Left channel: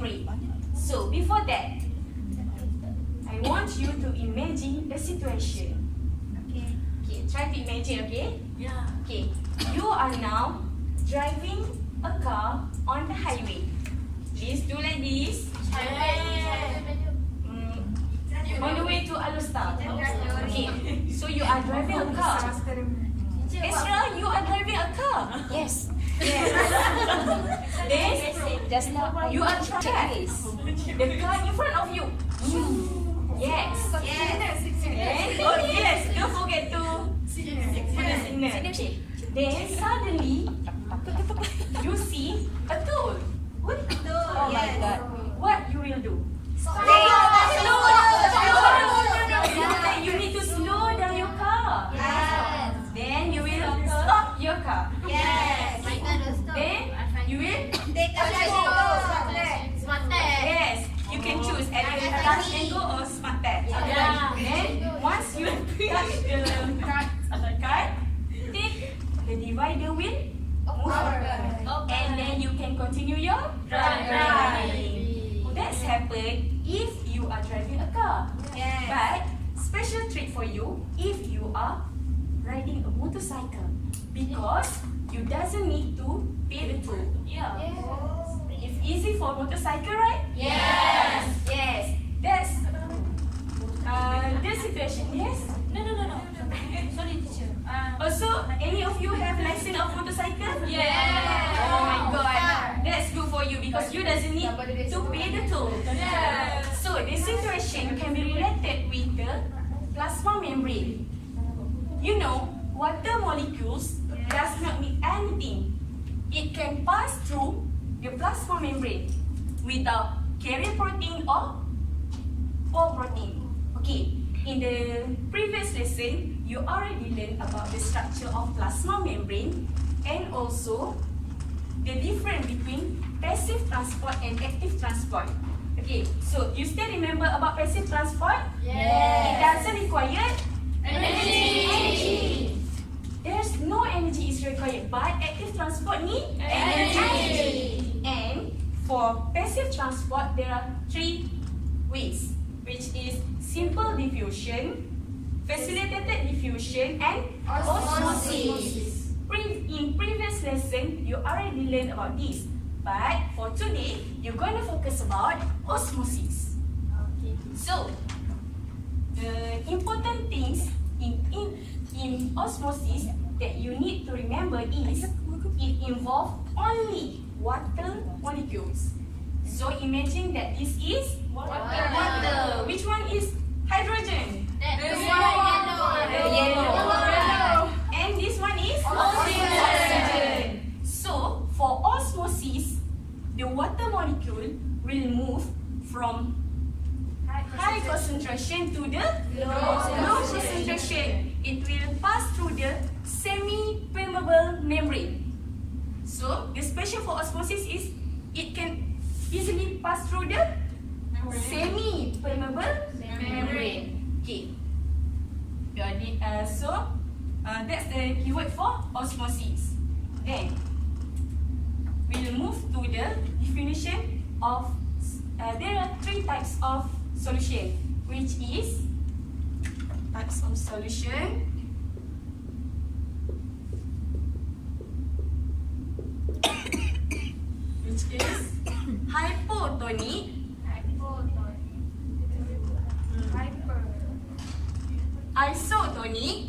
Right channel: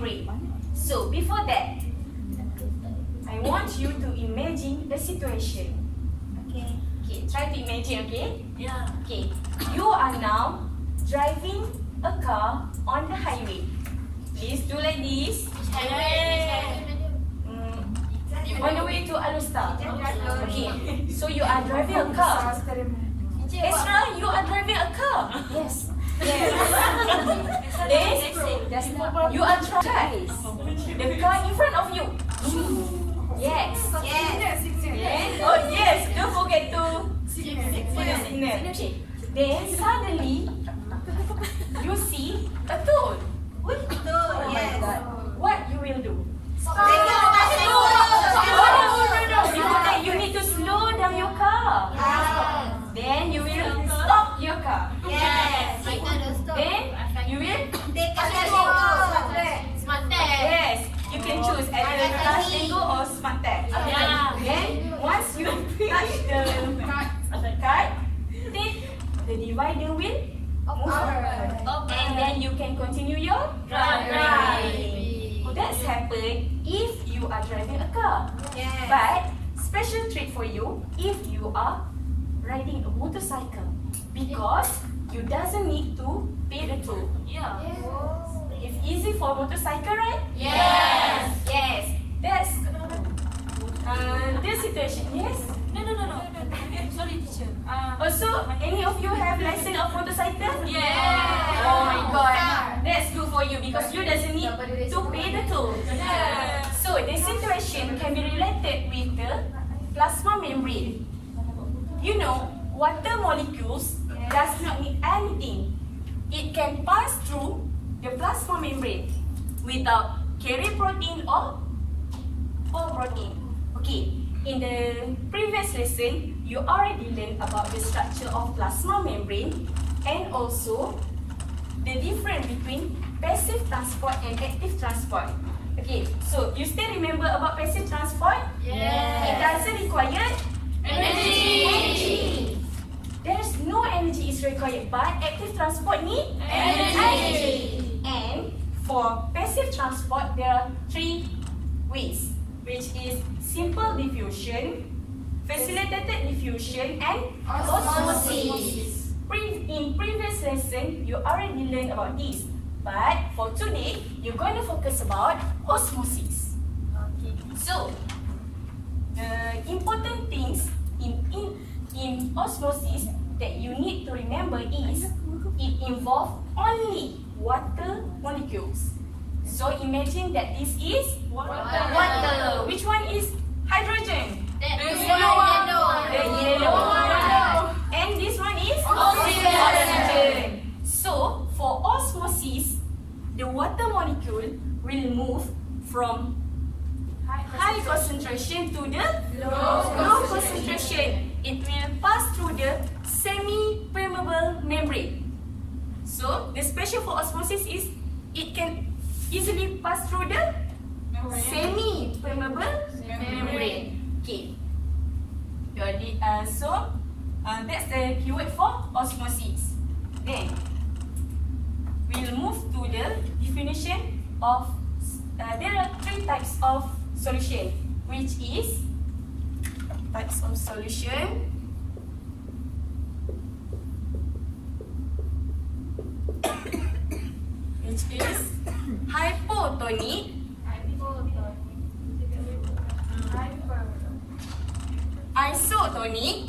membrane. So before that, I want you to imagine the situation. Okay. Okay, try to imagine, okay? Yeah. Okay, you are now driving a car on the highway. Please do like this. On the way to Alustar. Okay, so you are driving a car. Ezra, you are driving a car. Yes. Yes. Then, Just now. you are driving the car in front of you. Yes. Yes. Then, oh yes, don't forget to put the signal. Okay. Then suddenly, you see a toll. Oh my God. What you will do? You need to slow down your car. Then you will stop your car. Then you will yes. You can choose either fast and go or smart tag. Then once you touch the card, then the divider will move forward. And then you can continue your driving. That's happened if you are driving a car. But special treat for you if you are riding a motorcycle, because you doesn't need to pay the toll. It's easy for motorcycle, right? Yes. That's the situation. Yes. No. Sorry, teacher. Also, any of you have license of motorcycle? Yeah. Oh my God, that's good for you because you doesn't need to pay the toll. So the situation can be related with the plasma membrane. You know, water molecules does not need anything. It can pass through the plasma membrane without carrying protein or protein. Okay, in the previous lesson, you already learned about the structure of plasma membrane and also the difference between passive transport and active transport. Okay, so you still remember about passive transport? It doesn't require energy. There's no energy is required, but active transport need energy. And for passive transport, there are 3 ways, which is simple diffusion, facilitated diffusion, and osmosis. In previous lesson, you already learned about this. But for today, you're going to focus about osmosis. Okay. So, the important things in osmosis that you need to remember is it involves only water molecules. So imagine that this is water. Which one is hydrogen? The yellow one. And this one is oxygen. So for osmosis, the water molecule will move from high concentration to the low concentration. It will pass through the semi-permeable membrane. So the special for osmosis is it can easily pass through the semi-permeable membrane. Okay. So that's the keyword for osmosis. Then we'll move to the definition of. There are 3 types of solution, which is types of solution. Which is hypotonic, isotonic,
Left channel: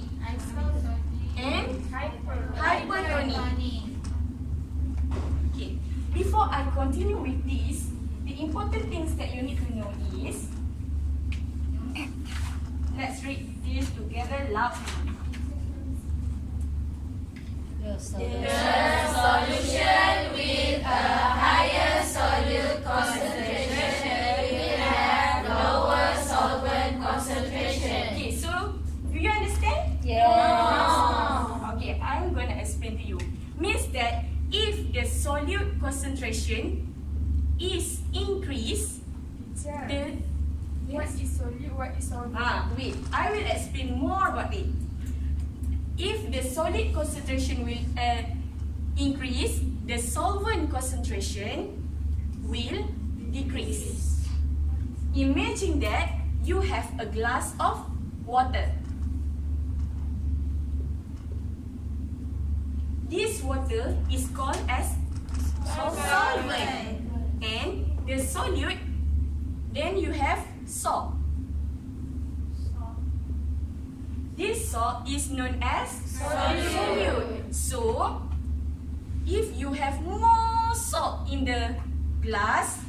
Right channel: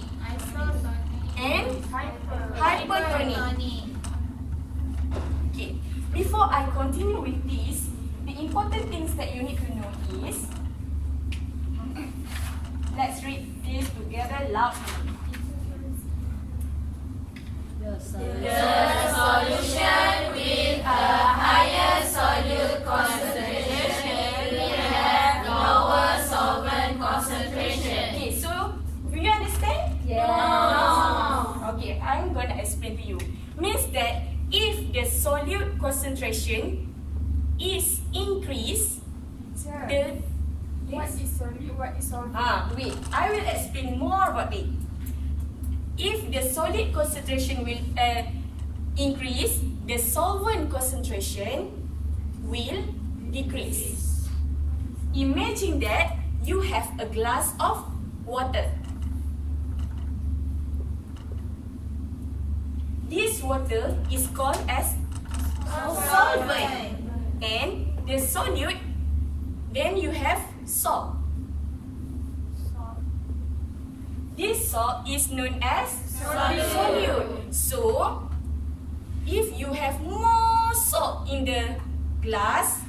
and hypertonic. Okay, before I continue with this, the important things that you need to know is, let's read this together loudly. The solution with a higher solute concentration will have lower solvent concentration. Okay, so do you understand? No. Okay, I'm gonna explain to you. Means that if the solute concentration is increased, What is solute? What is solvent? wait, I will explain more about it. If the solid concentration will increase, the solvent concentration will decrease. Imagine that you have a glass of water. This water is called as solvent. And the solute, then you have salt. This salt is known as solute. So, if you have more salt in the glass,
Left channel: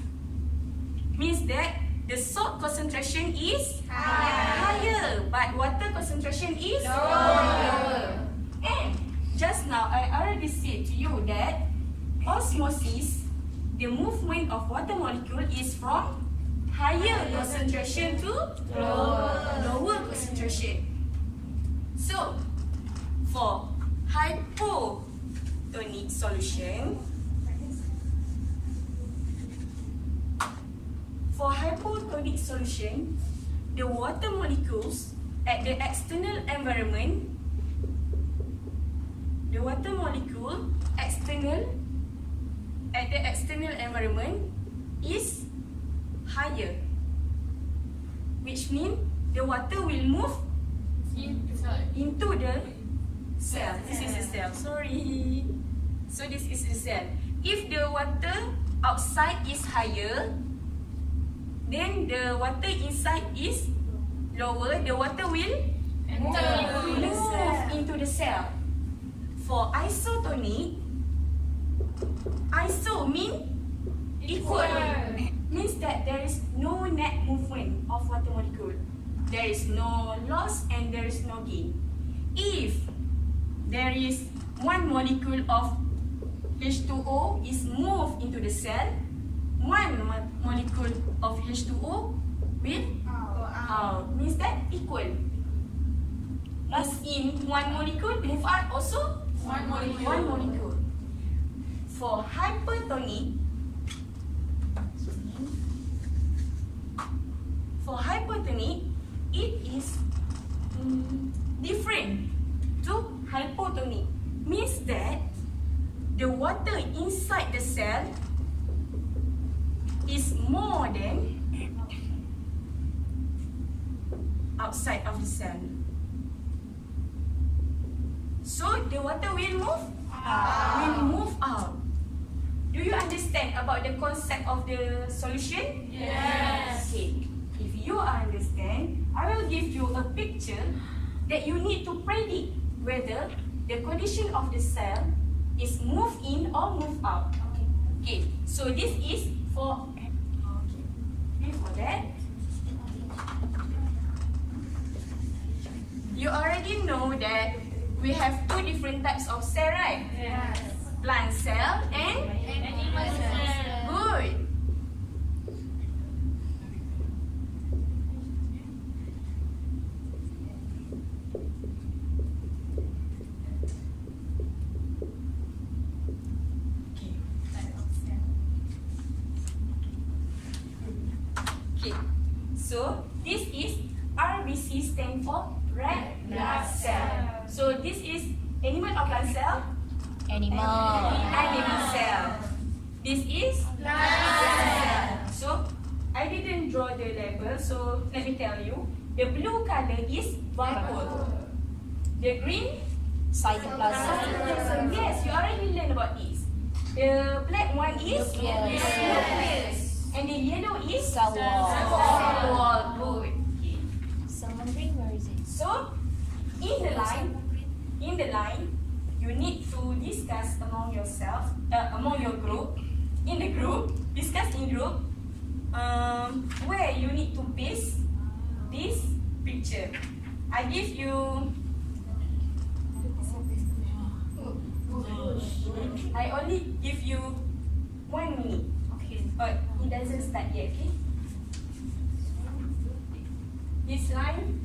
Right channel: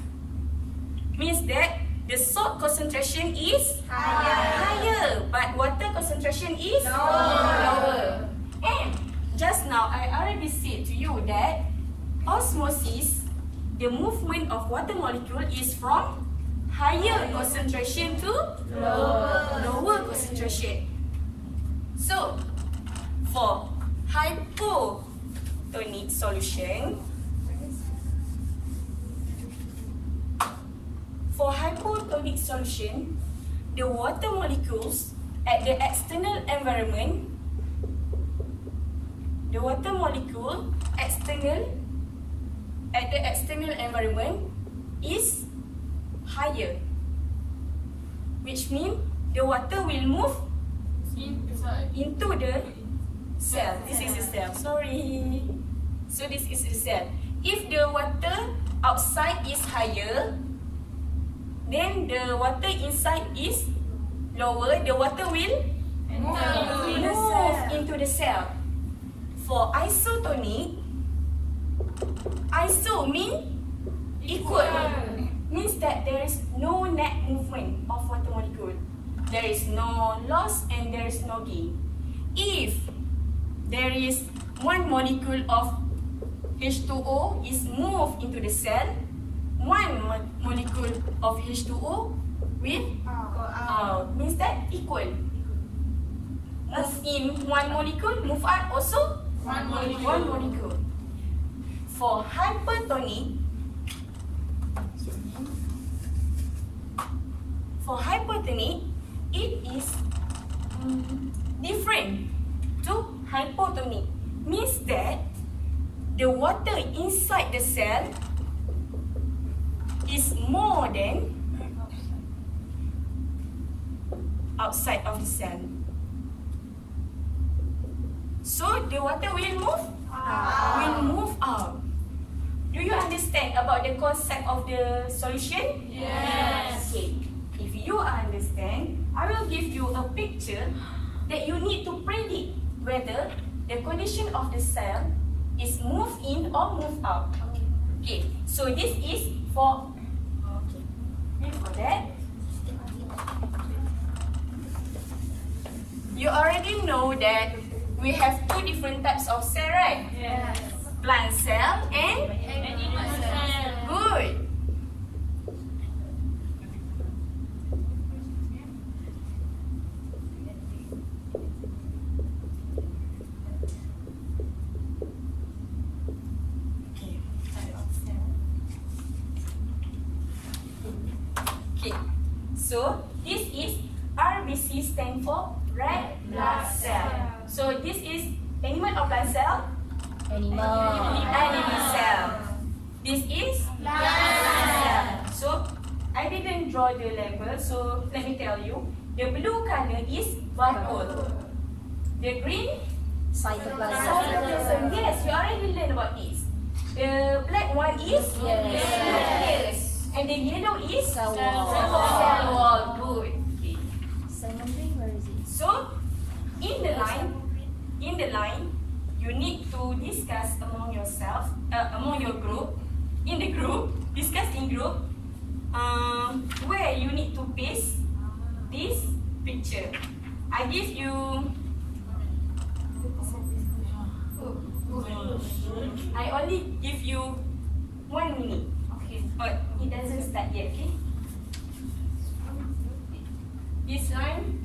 means that the salt concentration is higher, but water concentration is lower. And just now, I already said to you that osmosis, the movement of water molecule is from higher concentration to lower concentration. So, for hypotonic solution, the water molecules at the external environment, at the external environment is higher, which means the water will move into the cell. This is the cell. Sorry. So this is the cell. If the water outside is higher, then the water inside is lower. The water will move into the cell. For isotonic, iso means equal. Means that there is no net movement of water molecule. There is no loss and there is no gain. If there is one molecule of H2O is moved into the cell, one molecule of H2O will go out. Means that equal. Move in one molecule, move out also one molecule. For hypertonic, it is different to hypotonic. Means that the water inside the cell is more than outside of the cell. So the water will move out. Do you understand about the concept of the solution? Yes. Okay. If you understand, I will give you a picture that you need to predict whether the condition of the cell is move in or move out. Okay. So this is for. Okay. Before that, you already know that we have two different types of cell, right? Yes. Plant cell and Animal cell. good. Okay. So this is RBC stand for red blood cell. So this is animal or plant cell? Animal cell. This is plant cell. So I didn't draw the label, so let me tell you. The blue color is barcode. The green cytoplasm. Yes, you already learned about this. The black one is nucleus. And the yellow is cell wall. Good. Okay. So in the line, you need to discuss among yourself, among your group. In the group, discuss in group where you need to paste this picture. I give you. I only give you 1 minute. Okay. But it doesn't start yet. Okay. This line.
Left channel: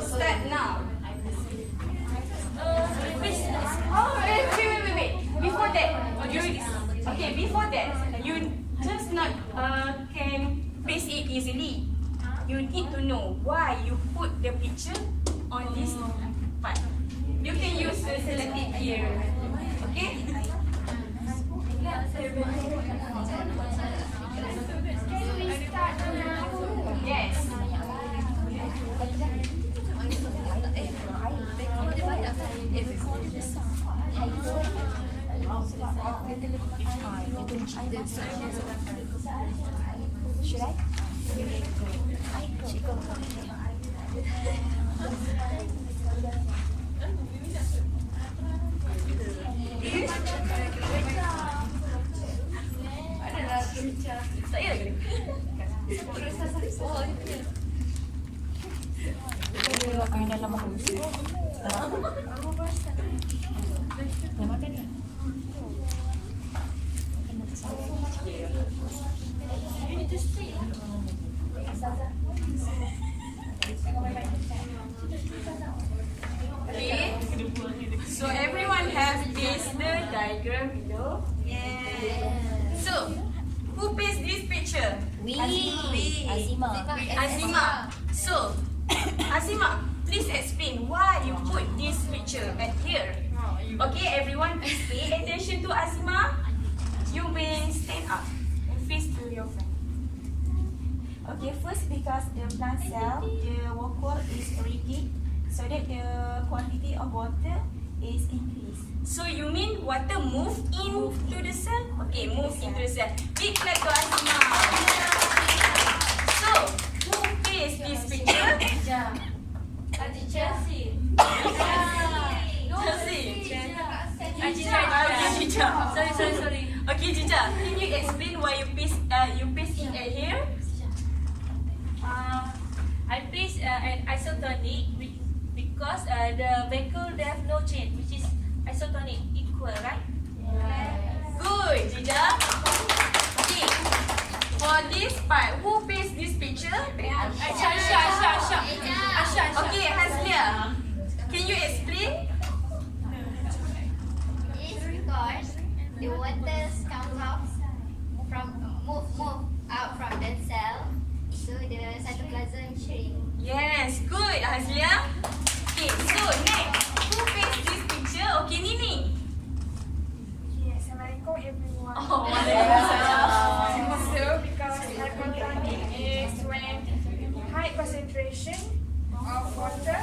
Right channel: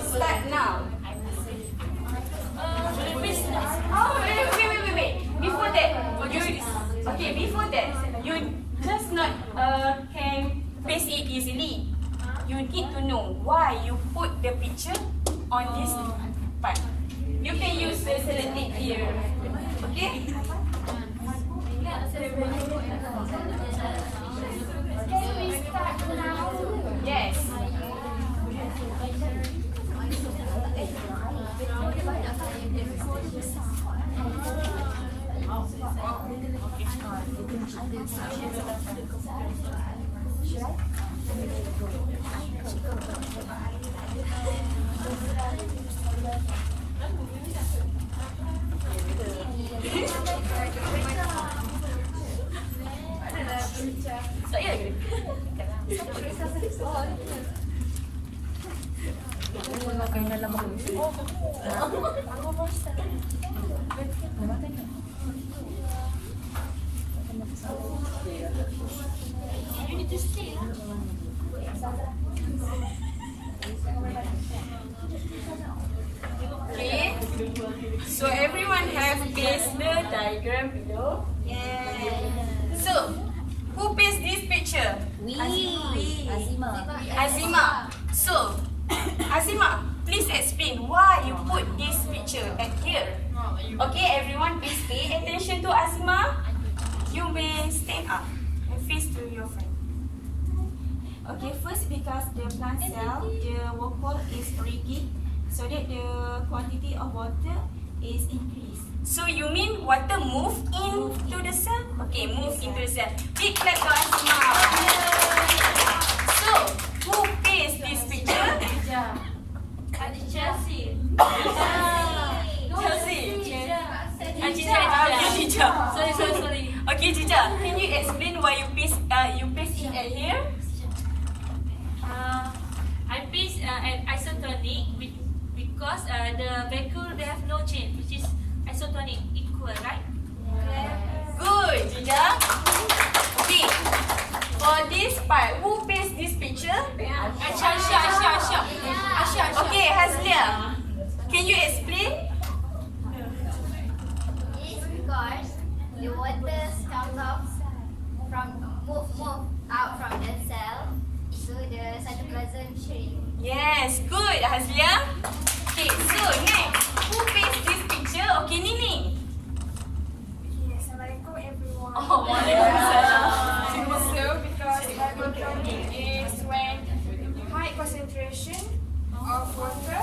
Start now. Wait. Before that, before that, you just not can paste it easily. You need to know why you put the picture on this part. You can use sellotape here. Okay? Yes. Should I? Okay. So everyone have pasted the diagram below. Yes. So who pasted this picture? Azima. So Azima, please explain why you put this picture at here. Okay, everyone please pay attention to Azima. You may stand up and face to your friend. Okay, first because the plant cell, the wall is rigid, so that the quantity of water is increased. So you mean water move into the cell? Okay, move into the cell. Big clap to Azima. So who pays this picture? Chelsea. Cica. Sorry. Okay, Cica, can you explain why you paste it at here? I piece an isotonic because the vacuum they have no change, which is isotonic equal, right? Good, Cica. Okay. For this part, who pastes this picture? Asha. Okay, Haslia. Can you explain? It's because the water comes out move out from the cell, so the cytoplasm shrink. Yes, good, Haslia. Okay, so next, who pastes this picture? Okay, Nini. Okay, Assalamualaikum everyone. Oh, waalaikumsalam. So because hypotonic is when high concentration of water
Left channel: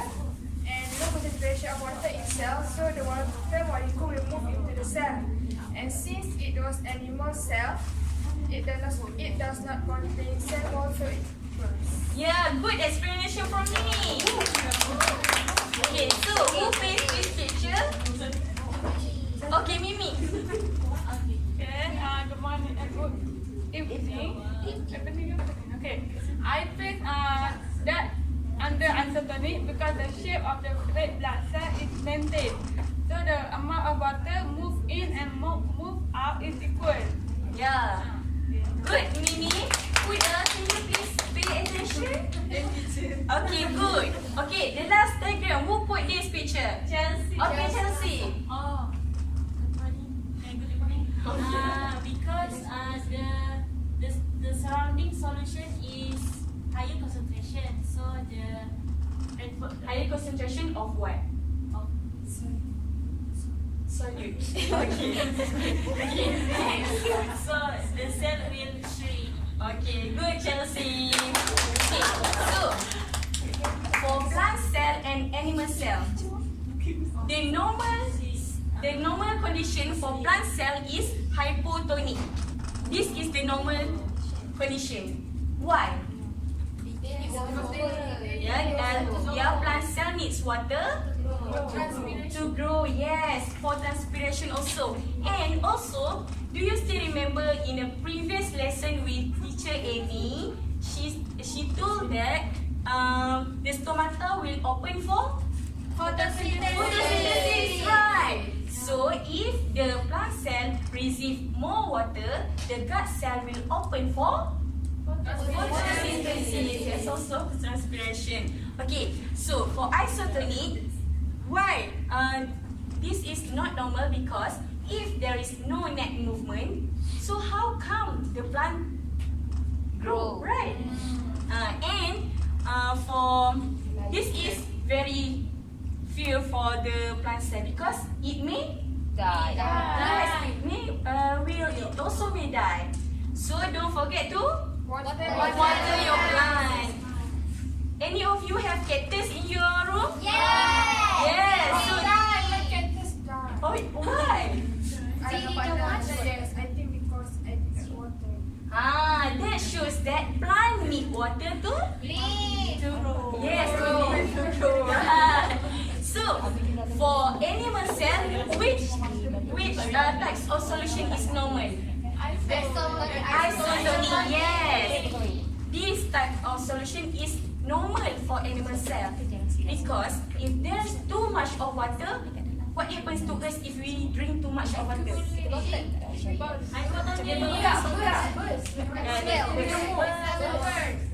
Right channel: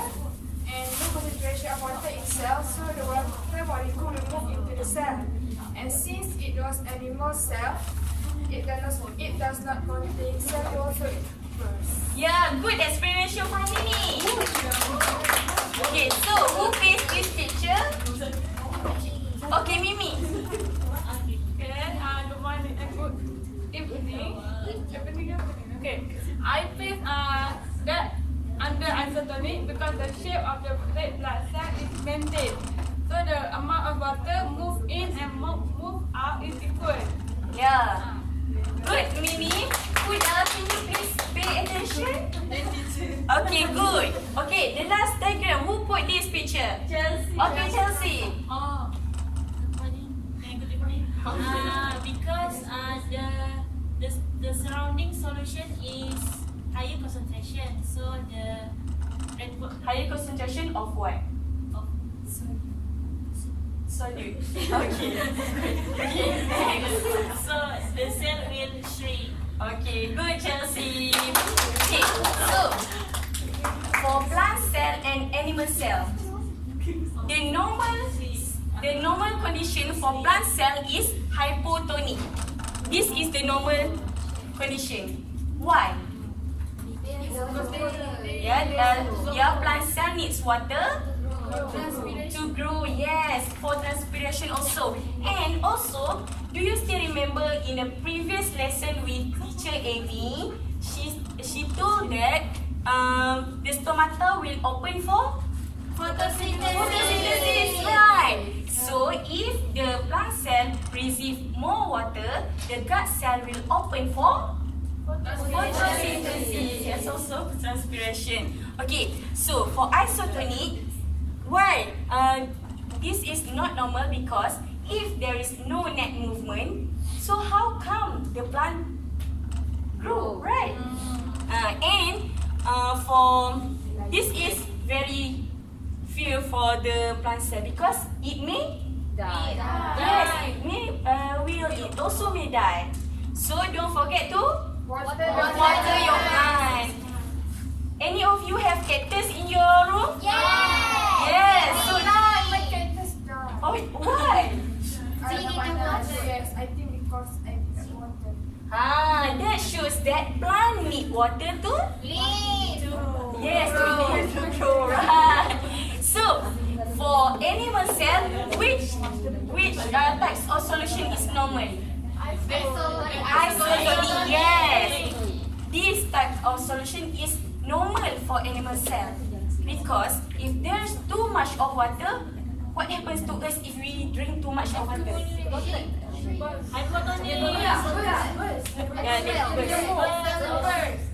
and low concentration of water in cell, so the water molecule will move into the cell. And since it was animal cell, it does not contain cell wall, so it bursts. Yeah, good explanation from Nini. Okay, so who pastes this picture? Okay, Mimi. Good morning and good evening. Okay, I place that under isotonic because the shape of the red blood cell is maintained. So the amount of water move in and move out is equal. Yeah. Good, Mimi. Huda, can you please pay attention? Okay, good. Okay, the last diagram. Who put this picture? Chelsea. Okay, Chelsea. Oh, good morning. Because the surrounding solution is higher concentration, so the Higher concentration of what? of Solute. Okay. Okay, next. so the cell will shrink. Okay, good, Chelsea. Okay, so for plant cell and animal cell, the normal condition for plant cell is hypotonic. This is the normal condition. Why? Yeah, plant cell needs water to grow. Yes, for transpiration also. And also, do you still remember in the previous lesson with teacher Amy? She told that the stomata will open for photosynthesis, right? So if the plant cell receive more water, the gut cell will open for photosynthesis. Yes, also transpiration. Okay, so for isotonic, why? This is not normal because if there is no net movement, so how come the plant grow, right? And for this is very fear for the plant cell because it may die. Yes, it also may die. So don't forget to water your plant. Any of you have cactus in your room? Yes. So oh, why? Yes, I think because I didn't water. That shows that plant need water to yes, to need to grow, right? So for animal cell, which types of solution is normal? Isotonic, yes. This type of solution is normal for animal cell because if there's too much of water, what happens to us if we drink too much of water?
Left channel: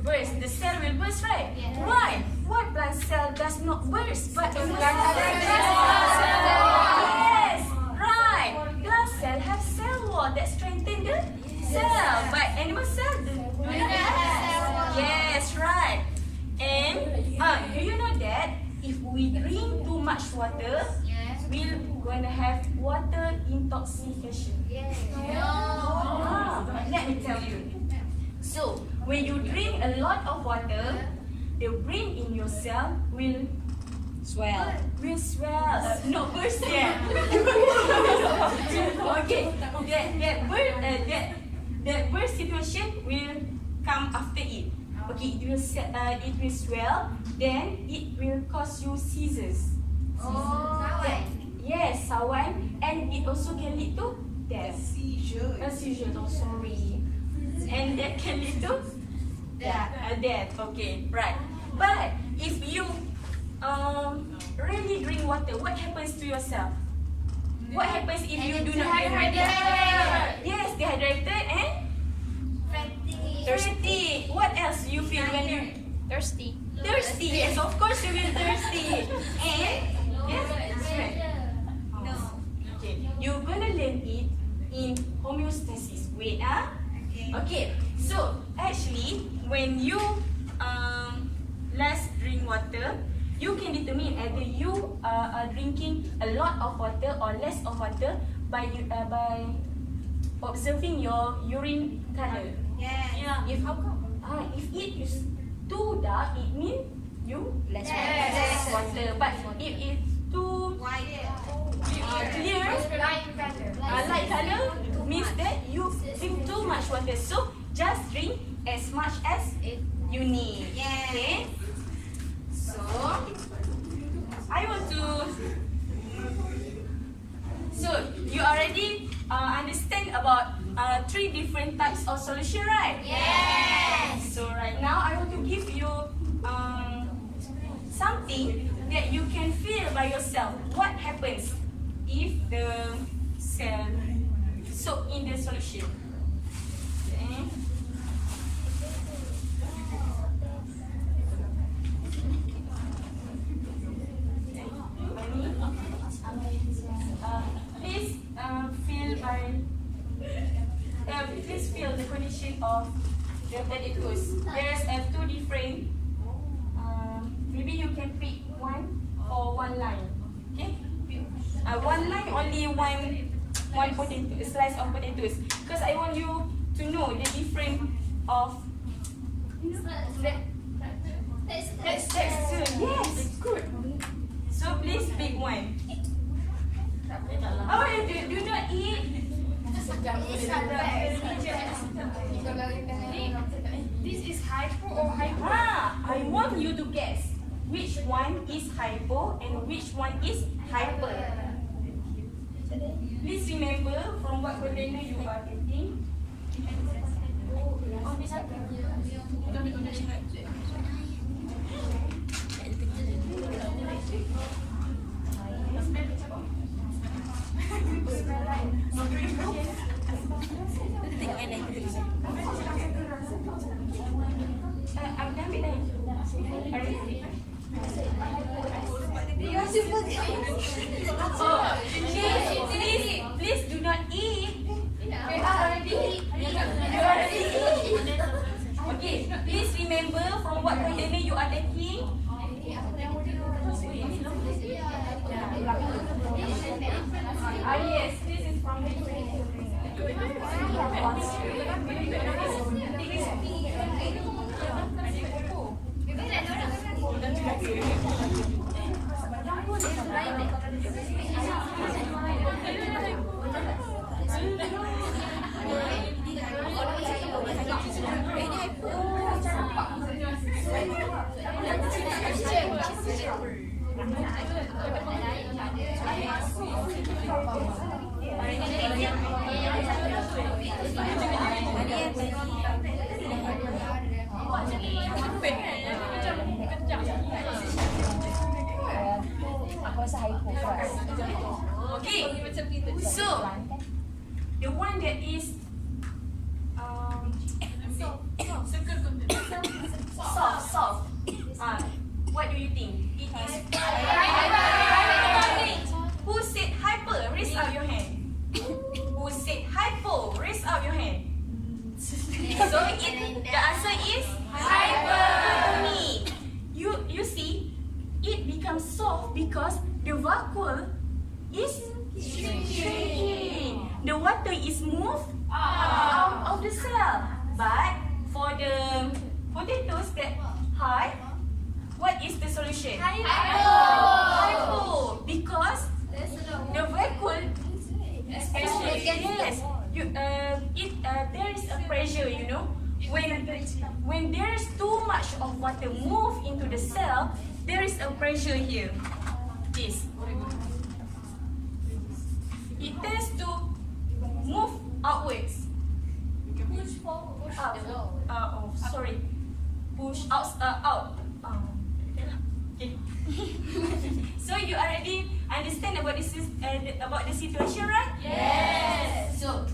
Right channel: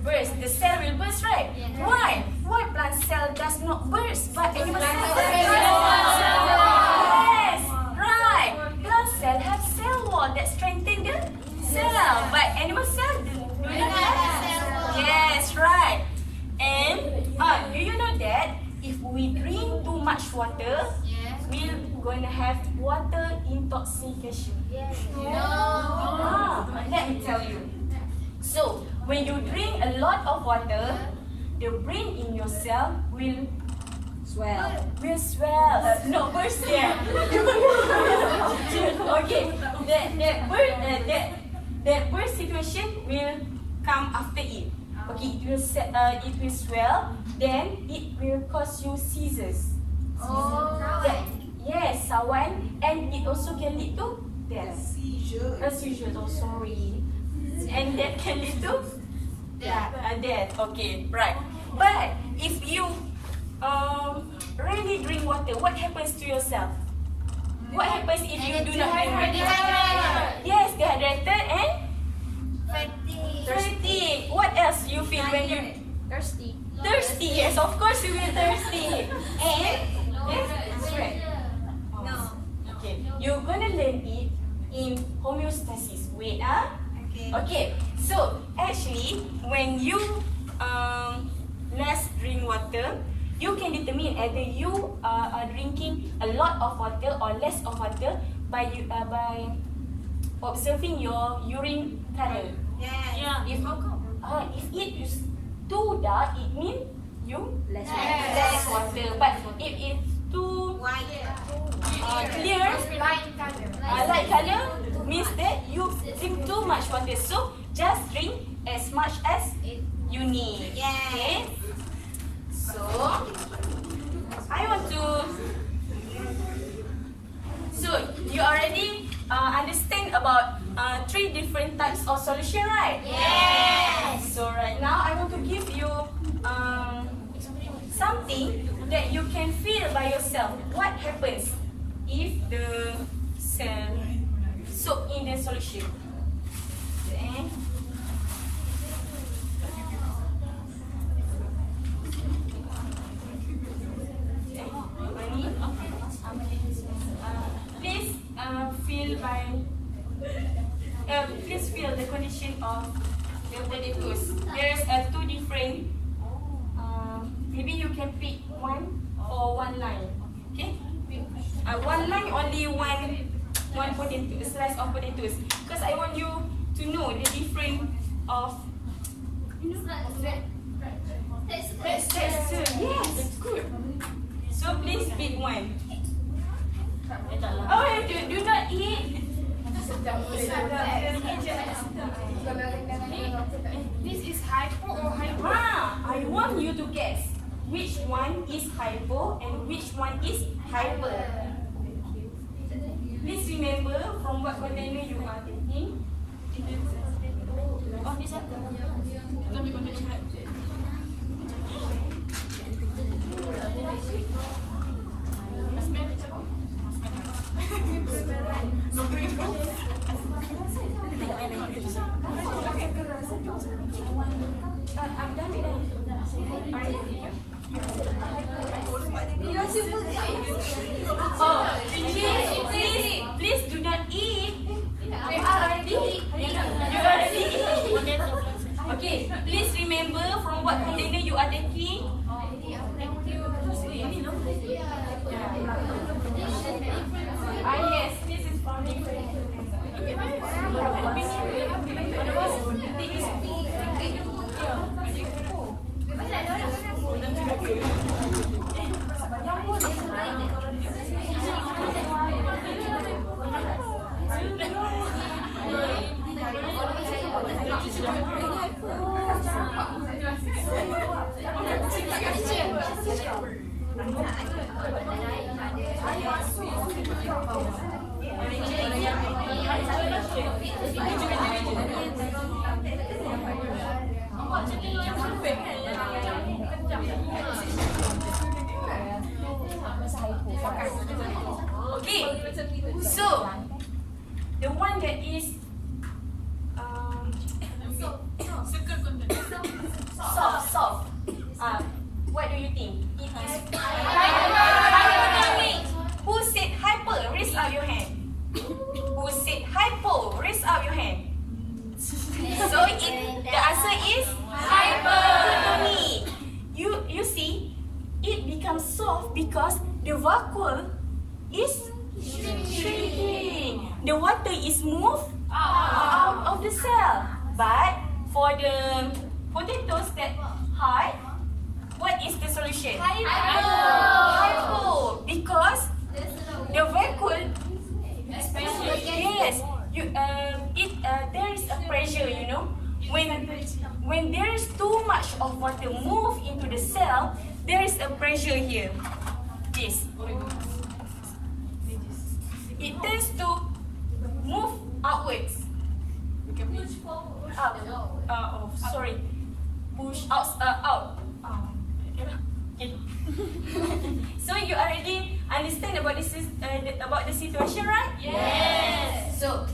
Burst. The cell will burst, right? Why? Why plant cell does not burst, but animal cell burst? Yes, right. Plant cell have cell wall that strengthen the cell, but animal cell do not have. Yes, right. And do you know that if we drink too much water, we're going to have water intoxication? Let me tell you. So when you drink a lot of water, the brain in your cell will swell. No, burst. Yeah. Okay. That burst situation will come after it. Okay, it will swell. Then it will cause you seizures. Yes, sawan, and it also can lead to death. Seizures. Oh, sorry. And that can lead to death. Okay, right. But if you really drink water, what happens to yourself? What happens if you do not drink water? Yes, dehydrated and fatigued. What else you feel when you thirsty? Yes, of course you will thirsty. And yes, right. Okay, you're gonna learn it in homeostasis. Wait, Okay, so actually, when you less drink water, you can determine either you are drinking a lot of water or less of water by observing your urine color. If it is too dark, it means you less water. But if it's too clear, light color, means that you drink too much water. So just drink as much as you need. Okay. So I want to. So you already understand about 3 different types of solution, right? Yes. So right now I want to give you something that you can feel by yourself. What happens if the cell soak in the solution? Please feel the condition of your potatoes. There's 2 different. Maybe you can pick one or one line. Okay. One line only one potato, a slice of potatoes. Because I want you to know the difference of. That's good. Yes, good. So please pick one. Oh, you do not eat. This is hypo or hypo? I want you to guess which one is hypo and which one is hyper. Please remember from what container you are taking. Oh, this one. Please do not eat. You already eat. Okay, please remember Okay, so the one that is soft. What do you think? It is hypertonic. Who said hyper? Raise up your hand. Who said hypo? Raise up your hand. So the answer is hypertonic. You see, it becomes soft because the vacuole is shrinking. The water is moved out of the cell. But for the potatoes that hard, what is the solution? Hypo. Because the vacuole, yes, there is a pressure, you know. When there is too much of water move into the cell, there is a pressure here. This. It tends to move outwards. Up. Sorry. Push out. Okay. So you already understand about this about the situation, right? Yes. So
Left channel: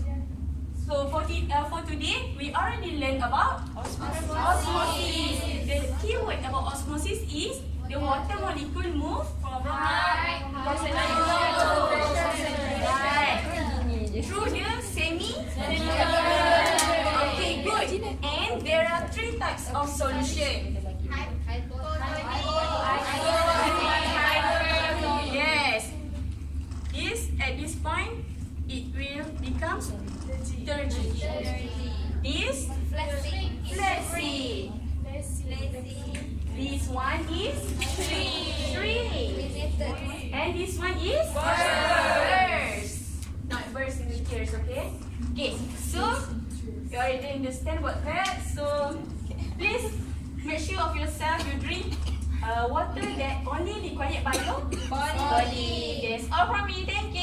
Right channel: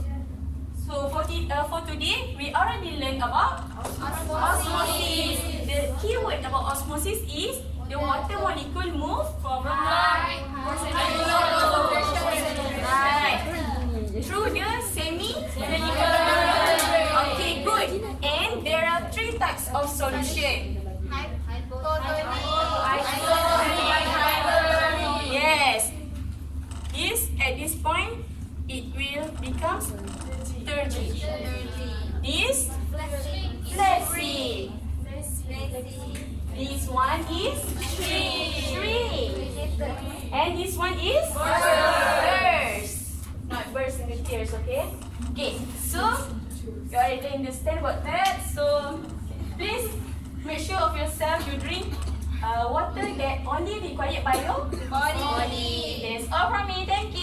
for today, we already learned about osmosis. The key word about osmosis is the water molecule move from right through the semi-crystalline. Okay, good. And there are 3 types of solution. Yes. At this point, it will become turgid. This flaccid. This one is shrink. And this one is burst. Not burst in the tears, okay? Okay, so you already understand about that. So please make sure of yourself you drink water that only required by your body. That's all from me. Thank you.